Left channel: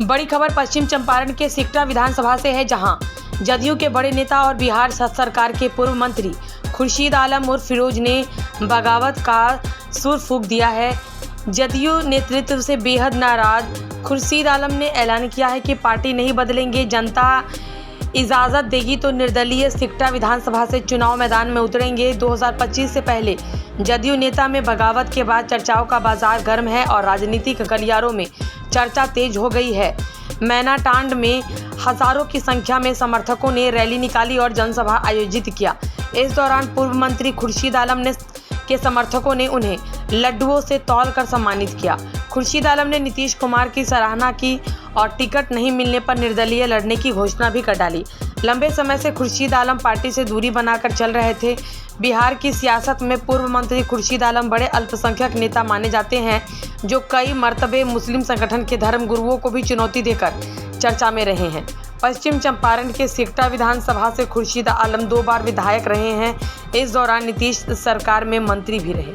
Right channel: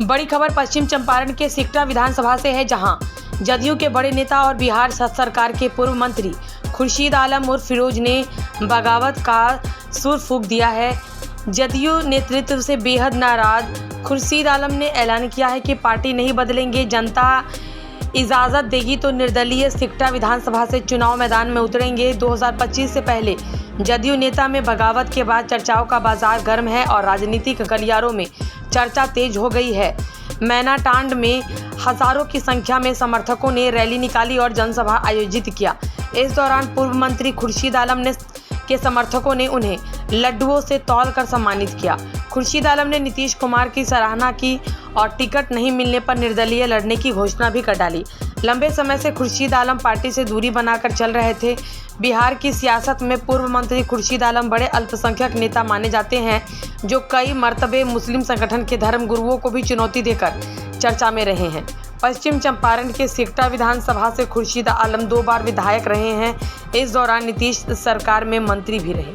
बड़ी खबर पश्चिम चंपारण के सिकटा विधानसभा से है, जहां जदयू के बड़े नेता और बिहार सरकार के पूर्व मंत्री खुर्शीद आलम उर्फ फिरोज ने बगावत का सुर फूंक दिया है। जदयू नेतृत्व से बेहद नाराज खुर्शीद आलम ने ऐलान किया है कि पार्टी नहीं बदलेंगे, जनता इजाज़त देगी तो निर्दलीय सिकटा विधानसभा से चुनाव मैदान में उतरेंगे। 2025 से पहले जदयू नेता में बगावत के बाद चर्चाओं का बाजार गर्म है और राजनीतिक गलियारों में चर्चा तेज हो गई है। मैनाटांड में हजारों की संख्या में समर्थकों ने रैली निकाली और जनसभा आयोजित किया। इस दौरान पूर्व मंत्री खुर्शीद आलम के समर्थकों ने उन्हें लड्डुओं से तौल कर सम्मानित किया। खुर्शीद आलम ने नीतीश कुमार की सराहना की और टिकट नहीं मिलने पर निर्दलीय लड़ने की घोषणा भी कर डाली। लंबे समय से खुर्शीद आलम पार्टी से दूरी बनाकर चल रहे थे। बिहार की सियासत में पूर्व मंत्री खुर्शीद आलम बड़े अल्पसंख्यक नेता माने जाते हैं, जो कई मर्तबे मुस्लिम संगठन के धर्म गुरुओं को भी चुनौती देकर चर्चा में रहे हैं। पश्चिम चंपारण के सिकटा विधानसभा से खुर्शीद आलम 2 बार विधायक रहे हैं। इस दौरान नीतीश सरकार में मंत्री भी रहे।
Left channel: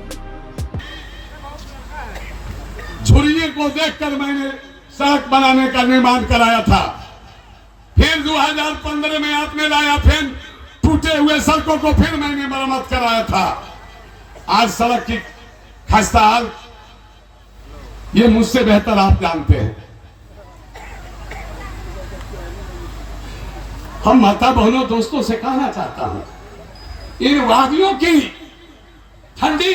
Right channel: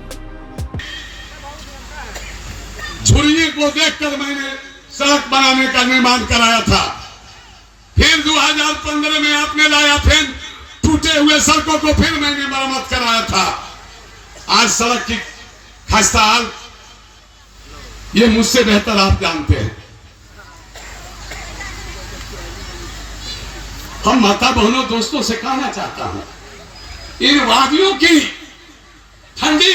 झुर्रियों को देखकर मैंने सड़क बनाने का निर्माण कराया था। फिर 2015 में आपने लाया, फिर टूटे हुए सड़कों को फिर मैंने मरम्मत कराया था। आज सड़क की खस्ता हाल ये मुझसे बेहतर आप जानते हैं। हम माता बहनों दोस्तों से कहना चाहता हूं, इन वादियों की ठंडी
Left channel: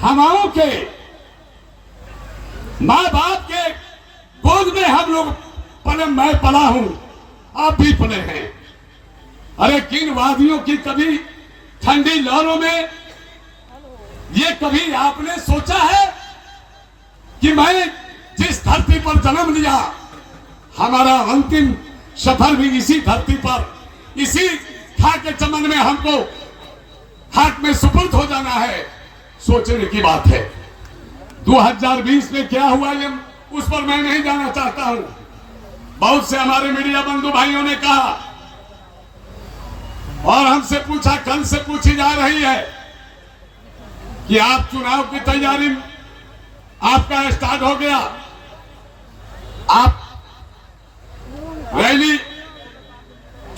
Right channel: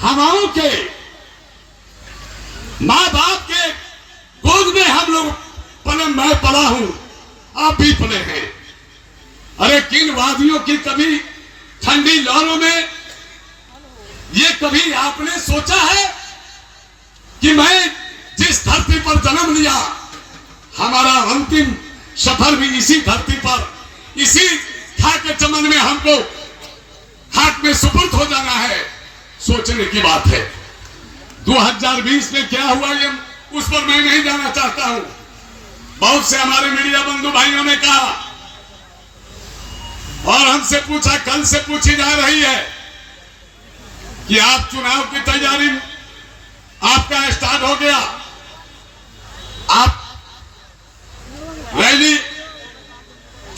हवाओं के माँ बाप के गोद में हम लोग पले, मैं पला हूं, आप भी पले हैं। अरे किन वादियों की कभी ठंडी लहरों में ये कभी आपने सोचा है कि मैं जिस धरती पर जन्म लिया, हमारा अंतिम सफर भी इसी धरती पर, इसी खाक चमन में हमको खाक में सुपुर्द हो जाना है। सोचने की बात है। 2020 में क्या हुआ ये उस पर मैं नहीं जाना चाहता हूं। बहुत से हमारे मीडिया बंधु भाइयों ने कहा और हमसे पूछा, कल से पूछी जा रही है कि आप चुनाव की तैयारी आपका स्टार्ट हो गया, आप रैली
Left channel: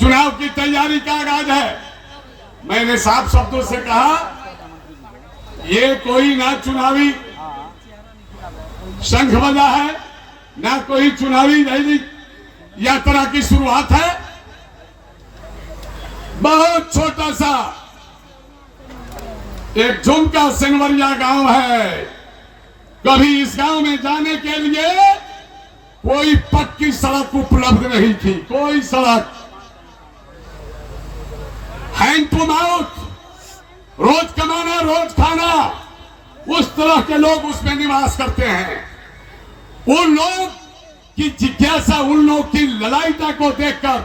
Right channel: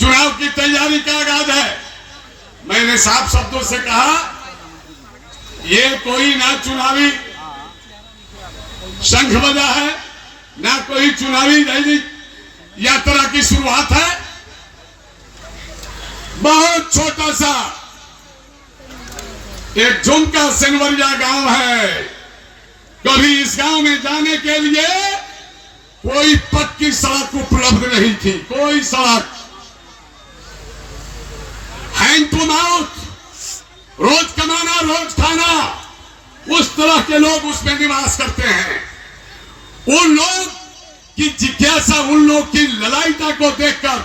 चुनाव की तैयारी का आगाज है। मैंने साफ शब्दों से कहा, ये कोई ना चुनावी शंख बजा है, ना कोई चुनावी रैली यात्रा की शुरुआत है। बहुत छोटा सा एक झुमका सिंगवरिया गांव है। कभी इस गांव में जाने के लिए कोई पक्की सड़क उपलब्ध नहीं थी, कोई सड़क। हैंड टू माउथ, रोज कमाना रोज खाना, उस तरह के लोग उसमें निवास करते हैं। उन लोग की जिज्ञासा, उन लोग की ललायता को देखकर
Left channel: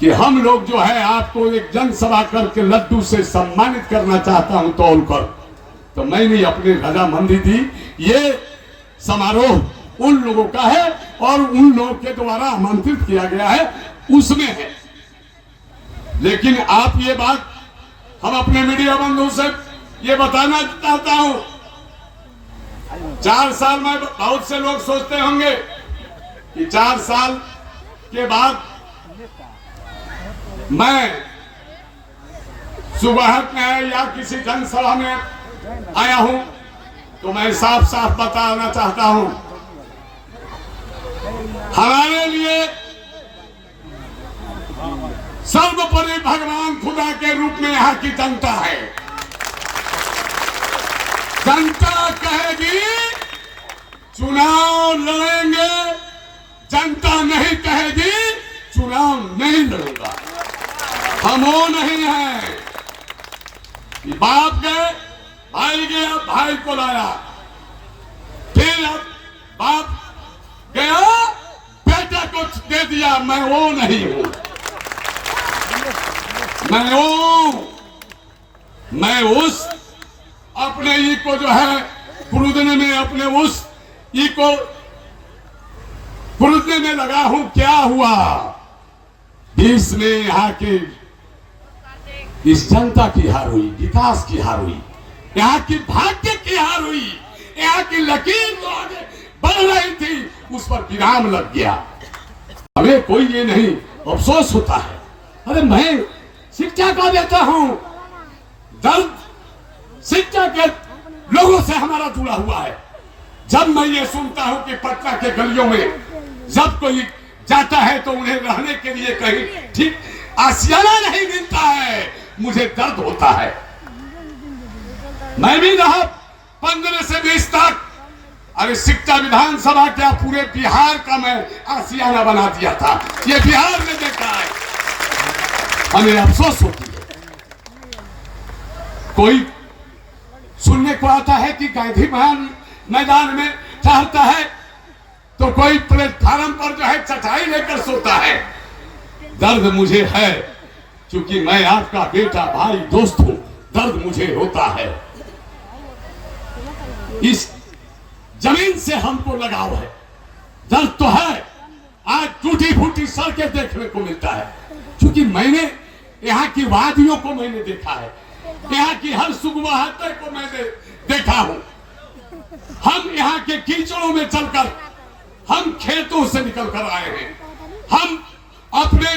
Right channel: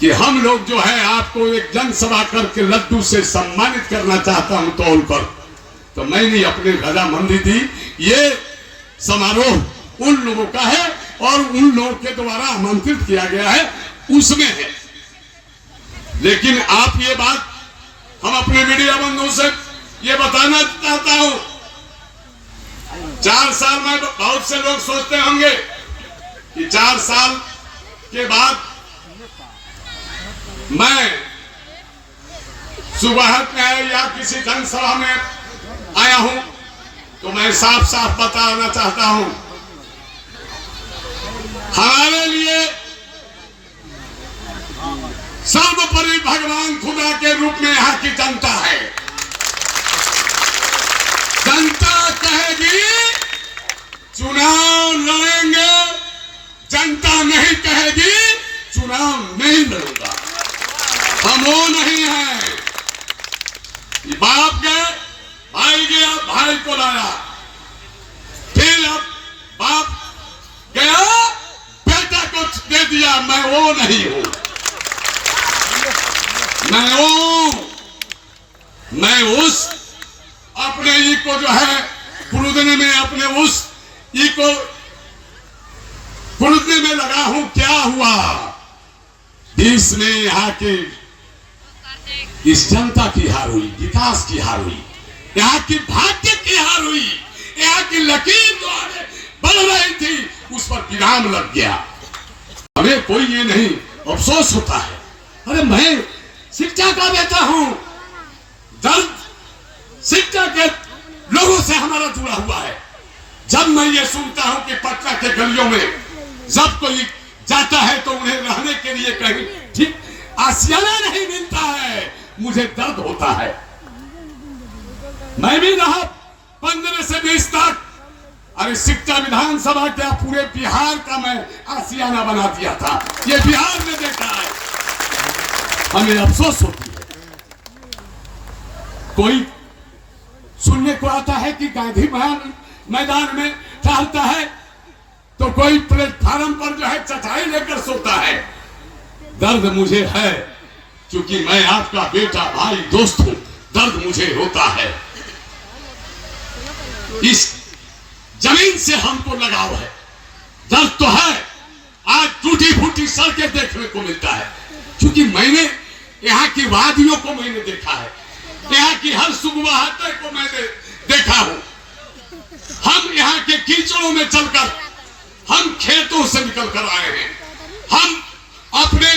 कि हम लोग जो है आपको एक जनसभा करके लड्डू से सम्मानित करना चाहता हूं तौल पर, तो मैंने अपने रजामंदी दी। ये समारोह उन लोगों का है और उन लोगों के द्वारा आमंत्रित किया गया है, उसमें है। लेकिन आप ये बात हम अपने मीडिया बंधुओं से ये बताना चाहता हूं, 4 साल में बहुत से लोग सोचते होंगे कि 4 साल के बाद मैं सुबह में या किसी जनसभा में आया हूं, तो मैं साफ साफ बताना चाहता हूं, हमारे लिए सर्वोपरि भगवान खुदा के रूप में यहाँ की जनता है। जनता कहेगी चुनाव लड़ेंगे, जनता नहीं कहेगी चुनाव नहीं लड़ूंगा। हम वो नहीं है। बाप गए, भाई गया, भाई को लाया, फिर अब बाप गया, बेटा को दे दिया। मैं वो नहीं हूं। मैं उस अपने ई को जो है पुरुदने में, अपने उस ई को पुरुदने में लगा हूं। क्या हुआ देश में? यहाँ के इस जनता की हार हुई, विकास की हार हुई, यहाँ की भाग्य की हार हुई, यहाँ की लकीर जो आगे बढ़ रही थी उस पर विराम लग गया। हमें कोई ये नहीं अफसोस होता है, अरे मैं शिक्षा का बेटा हूं, दर्द शिक्षा के लोगों से हमारा जुड़ा हुआ है। जब मैं ये सुनता हूं कि पटना के गलियों में जब कोई जाता है तो उन्हें रहने के लिए कहीं ठीक आशियाना नहीं मिलता है, मुझे दर्द होता है। मैं भी रहा 15 से 20 तक, अरे शिक्षा विधानसभा क्या पूरे बिहार का मैं आशियाना बना दिया था, ये बिहार ने देखा है। हमें अफसोस होती है, कोई सुनने को आता है कि गांधी मैदान में टहलता है तो कोई प्लेटफार्म पर जो है चटाई लेकर सोता है। दर्द मुझे है, क्योंकि मैं आपका बेटा भाई दोस्त हूं, दर्द मुझे होता है। इस जमीन से हमको लगाव है, दर्द तो है। आज टूटी फूटी सड़कें देखने को मिलता है, क्योंकि मैंने यहाँ की वादियों को मैंने देखा है, यहाँ की हर सुगवाहटे को मैंने देखा हूं। हम यहाँ के कीचड़ों में चलकर, हम खेतों से निकल कर आए हैं, हम अपने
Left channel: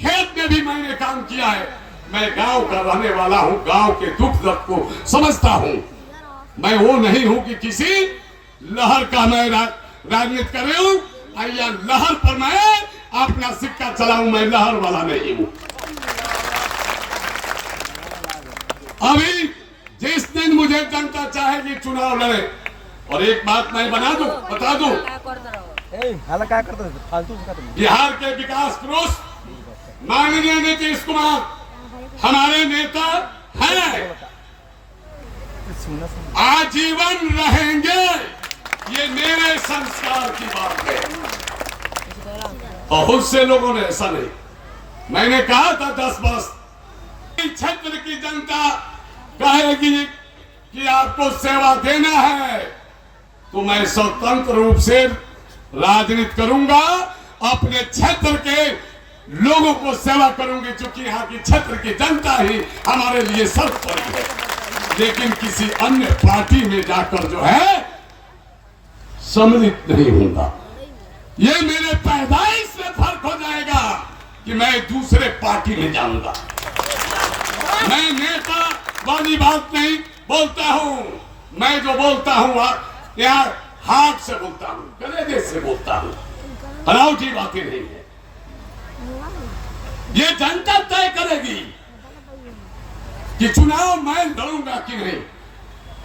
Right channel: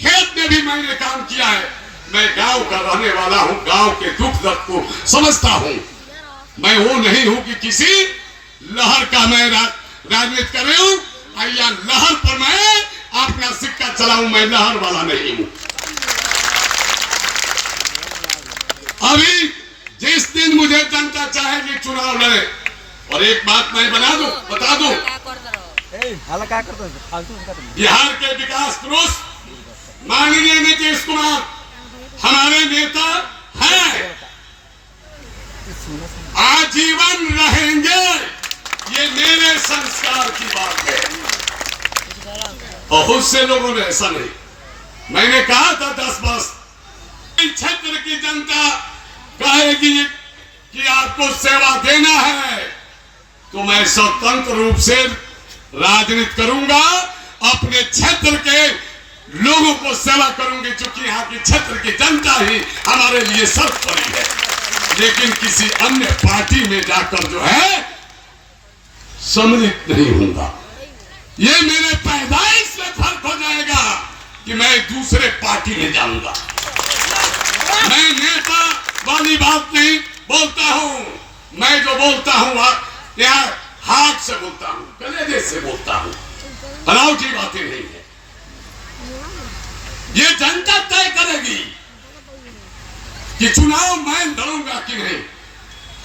खेत में भी मैंने काम किया है। मैं गांव का रहने वाला हूं, गांव के दुख दर्द को समझता हूं। मैं वो नहीं हूं कि किसी लहर का मैं राजनीति कर रही हूं या लहर पर मैं अपना सिक्का चलाऊं, मैं लहर वाला नहीं हूं। अभी जिस दिन मुझे जनता चाहेगी चुनाव लड़े, और एक बात मैं बता दूं, बिहार के विकास पुरुष माननीय नीतीश कुमार हमारे नेता हैं, आजीवन रहेंगे, ये मेरे संस्कार की बात है। बहुत से लोगों ने ऐसा नहीं, मैंने कहा था 10 वर्ष क्षेत्र की जनता कहेगी कि आपको सेवा देना है तो मैं स्वतंत्र रूप से राजनीति करूंगा, अपने क्षेत्र के लोगों को सेवा करूंगी, क्योंकि यहाँ की क्षेत्र की जनता ही हमारे लिए सर्वोपरि है। लेकिन किसी अन्य पार्टी में जाकर जो है सम्मिलित नहीं होगा। ये मेरे पैदाइश में फर्क हो जाएगा कि मैं दूसरे पार्टी में जाऊंगा। मैं नेता वाली बात नहीं बोलता हूं, मैं जो बोलता हूं यहाँ हाथ से बोलता हूं, कलेजे से बोलता हूं, बनावटी बातें नहीं है। ये जनता तय करेगी कि चुनाव मैं लड़ूंगा कि नहीं,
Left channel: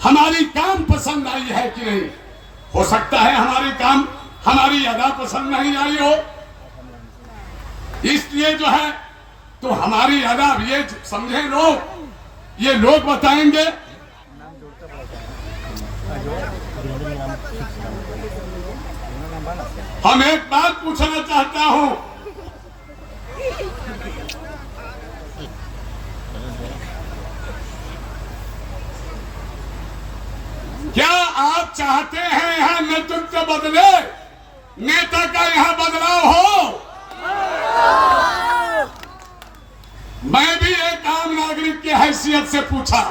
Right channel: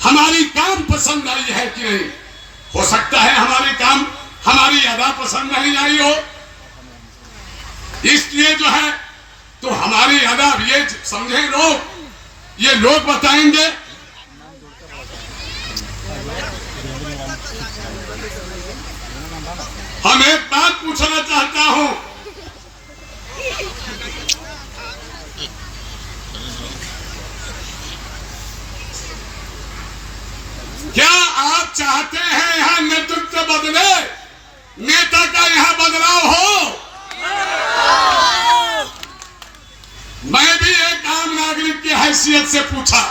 हमारी काम पसंद आई है कि नहीं। हो सकता है हमारी अदा पसंद नहीं आई हो, इसलिए जो है तो हमारी अदा ये समझे लोग, ये लोग बताएंगे। हम एक बात पूछना चाहता हूं, क्या आप चाहते हैं यहां नेतृत्व बदले, नेता का यहां बदलाव हो? मैं भी एक आम नागरिक की हैसियत से पूछा।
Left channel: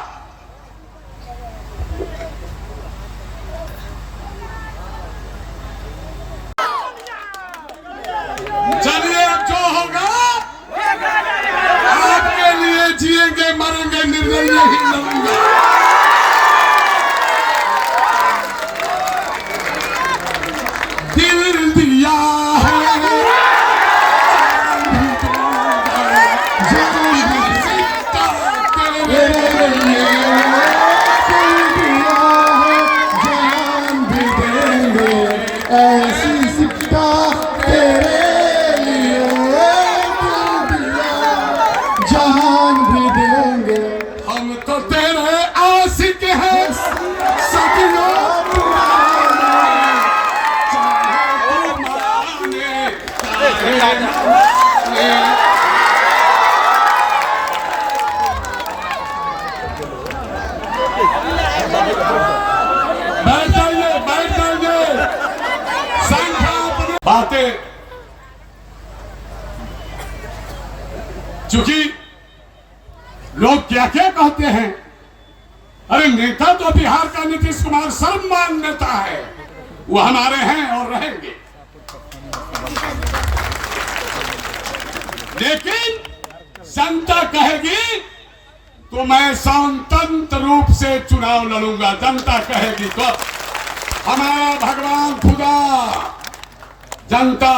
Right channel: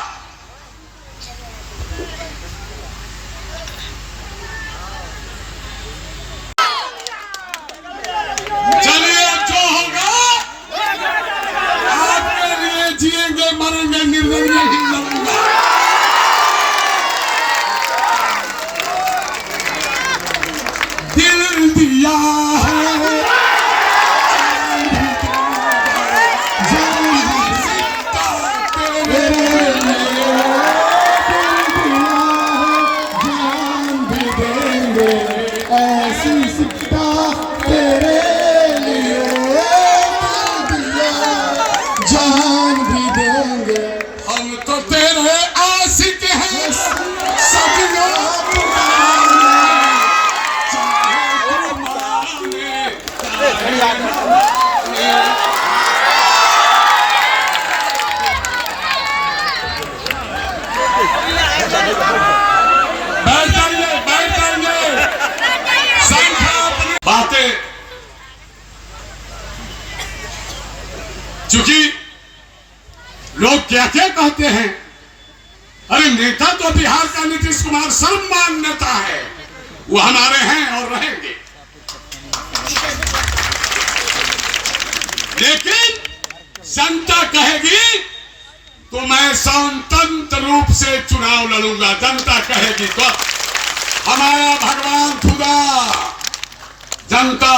चलिए, जो होगा आपके लिए जिएंगे मरेंगे निर्णय नहीं लूंगा। दिल दिया है बातें, क्योंकि लोग क्या क्या कहते हैं। अरे नेता तो बिहार का नीतीश कुमार सर्वमान नेता है, वो हमारे हैं और रहेंगे। लेकिन जनता कहेगी तो मैं स्वतंत्र रूप से चुनाव लड़ूंगा। जनता कहेगी तो हमारा भगवान खुदा जनता